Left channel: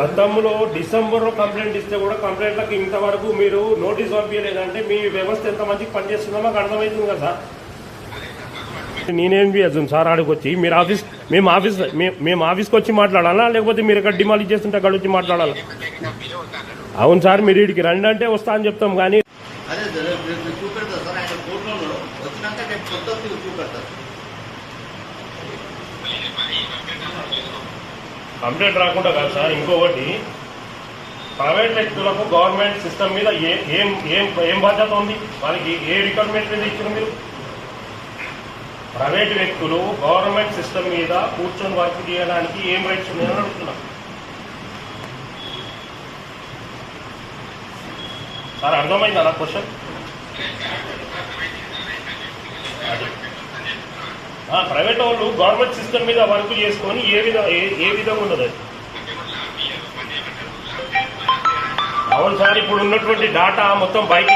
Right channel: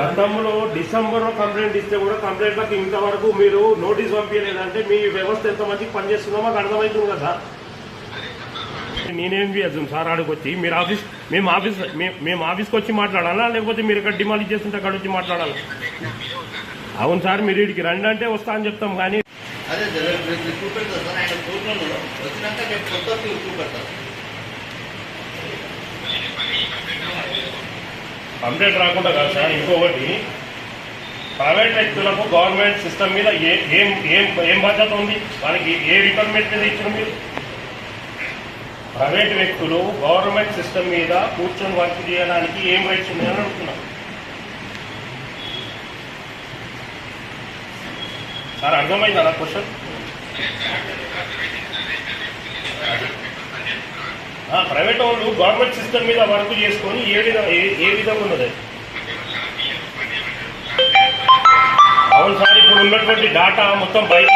గతంలో డిసెంబర్లో కంప్లైంట్ ఇస్తే కూడా కంప్లైంట్లకు ఇంతవరకు మీరు నోటీస్ పంపించలేదంటే మీ వ్యవస్థ ఎంత మందికి పనిచేస్తుందో మాకు అర్థమవుతుంది కదా సార్. నేనేం చేస్తాను సార్ ఆడికి వచ్చి మీరు ఆఫీస్ మేము ఆఫీస్ మే- మేము ఆఫీస్కి వచ్చి మాట్లాడాలా? లేకపోతే మీరు ఇక్కడ డిమాలిజ్ చేస్తుంటే అక్కడ వచ్చి మాట్లాడాలి? అవును సార్ మీరు ఇక్కడికి రండి అంటే వస్తా అని చెప్తాం కానీ అప్డేట్ రాకుండా కాదు సార్ ఇంకొకటి ప్రైవేట్ వ్యక్తులకు గవర్నమెంట్ సిస్టమ్ మీద ఏ ఏం ఏం ఏం బాధ్యత ఉంది? వాళ్ళకి ఏ రిక్వైర్మెంట్ మీద ఇచ్చిన మీరు ప్రైవేట్ వ్యక్తులు గవర్నమెంట్ సిస్టమ్ మీద కూర్చొని వర్క్ చేయడానికి ఏం రైట్స్ ఉన్నాయని అడుగుతున్నాం. సార్ అర్థమైందా క్వశ్చన్? ప్రైవేట్ వాళ్ళు గవర్నమెంట్ సిస్టమ్ మీద వర్క్ చేసుకొని ఏ విధంగా ఏ- విధంగా ఉన్నది? అవును సార్ ఇప్పుడు ఉన్నటువంటి డాటా మొత్తం బయట